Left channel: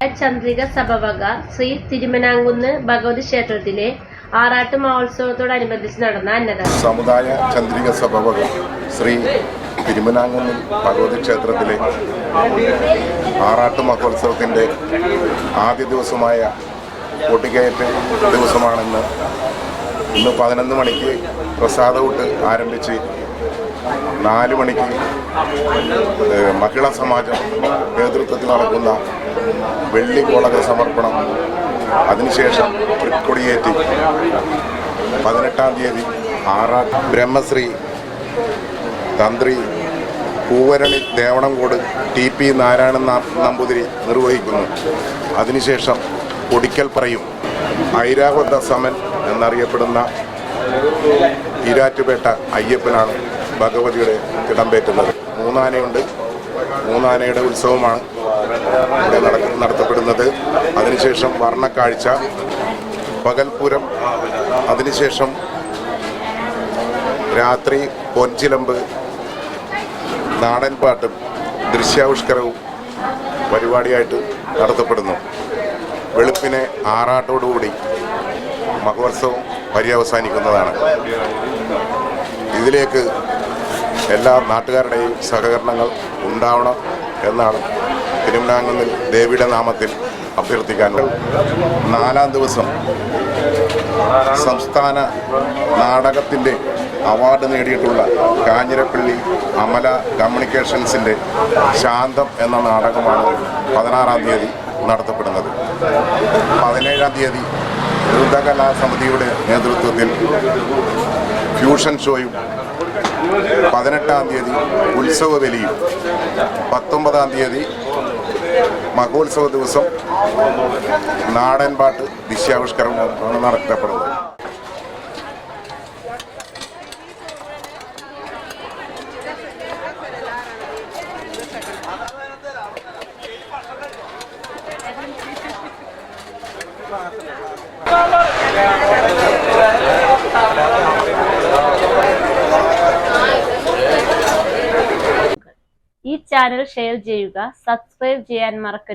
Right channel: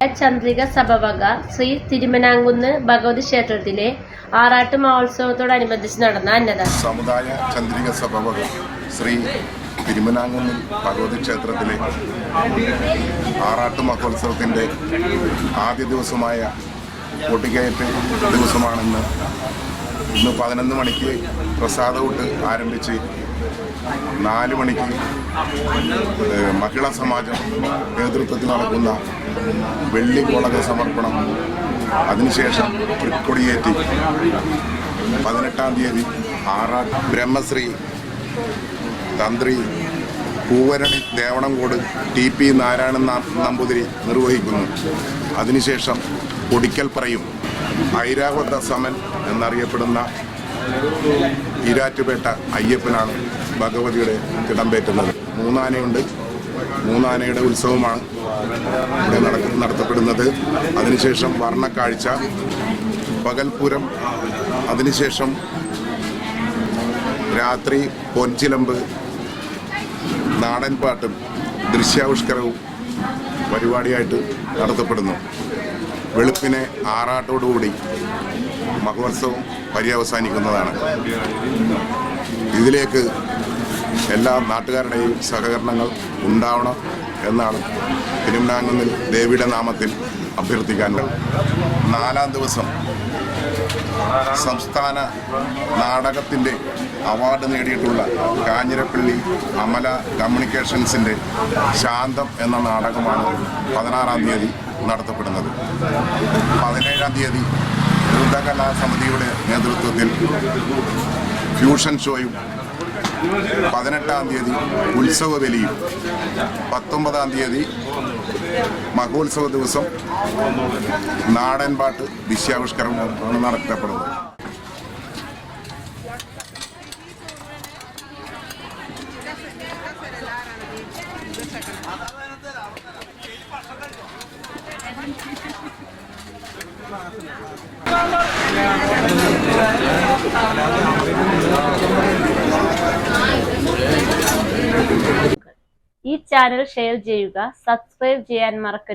ചന്ദ്രിക സഭവക ശ്രീ തിരുമനാങ്കുന്ന് ഭഗവതി ക്ഷേത്രത്തിലെ ആറാട്ട് മഹോത്സവത്തോടനുബന്ധിച്ച് നടന്ന അന്നദാനം. സമുദായ ചന്ദ്രിക സഭവക ശ്രീ തിരുമനാങ്കുന്ന് ഭഗവതി ക്ഷേത്രത്തിലെ ആറാട്ട് മഹോത്സവത്തിൻ്റെ ആദ്യ ദിവസമായ കൊടികയറ്റ് ദിവസമാണെന്ന്. ഇന്ന് 11 മണിക്ക് പ്രസാദകൂട്ട് ആരംഭിച്ച് 4 മണിക്ക് മഹിളാ സമാജം നേതൃത്വത്തിൽ നടക്കുന്ന വെള്ളി കോളക സമർപ്പണം, അതിനുശേഷം തൃക്കൊടിയേറ്റി 18-ാം തീയതി ആറാട്ട് ബ്രഹ്മശ്രീ തന്ത്രി പൂവരണി ദേവണംകോട് TP നാരായണൻ നമ്പൂതിരി നിർവഹിക്കുന്നു. അതിനുശേഷം കൊടിക്കൽപ്പറയും ഐരാവത സമൻ എന്നറിയപ്പെടുന്ന ഈരാറ്റുപേട്ട അയ്യപ്പനാണ് ഭഗവതിയുടെ തിടമ്പേറ്റുന്നത്. 3 ആനയുണ്ട്. 3 ആനയുടെ ഉത്സവമാണ് ഇവിടെ നടത്തപ്പെടുന്നത്. അതിനുശേഷം വർണ്ണക്കാഴ്ച, പകൽപൂരം, അതിനുശേഷം രാത്രി പൊൻചിലമ്പ്, നാടൻപാട്ടും ദൃശ്യാവിഷ്കാരവും പരിപാടിയായിട്ട് നടത്തപ്പെടുന്നു. വെളുപ്പിനെ ആറാട്ടോടുകൂടി മഹോത്സവം പര്യവസാനിക്കുന്നതാണ്. ഇതിലേക്ക് എല്ലാ നാട്ടുകാരുടെയും സഹകരണങ്ങൾ ഉണ്ടാവണം എന്നാണ് തിരുമനാങ്കുന്നിൽ ദേവിയുടെ നാമത്തിൽ അഭ്യർത്ഥിക്കാനുള്ളത്. 4-ാം ദിവസം സംസ്ഥാന നാടകത്തിൻ്റെ അവാർഡ് നേടിയിട്ടുള്ള കാഞ്ഞിരപ്പള്ളി അമല കമ്മ്യൂണിക്കേഷൻസിൻ്റെ ശാന്തം എന്ന നാടകമാണ് 16-ാം തീയതി നടത്തപ്പെടുന്നത്. 17-ാം തീയതി ദ്രുതകലാ സമിതിയുടെ നേതൃത്വത്തിൽ ഫ്യൂഷൻ ഷോയും, 18-ാം തീയതി ഉത്സവ ബലിയും, 19-ാം തീയതി മഹോത്സവ ദിവസം നാടൻപാട്ട് ദൃശ്യാവിഷ്കരണമാണ് നടത്തപ്പെടുന്നത്. ഈ ചാനൽ ഷെയർ ചെയ്യുക, സബ്സ്ക്രൈബ് ചെയ്യാൻ മറക്കരുത്.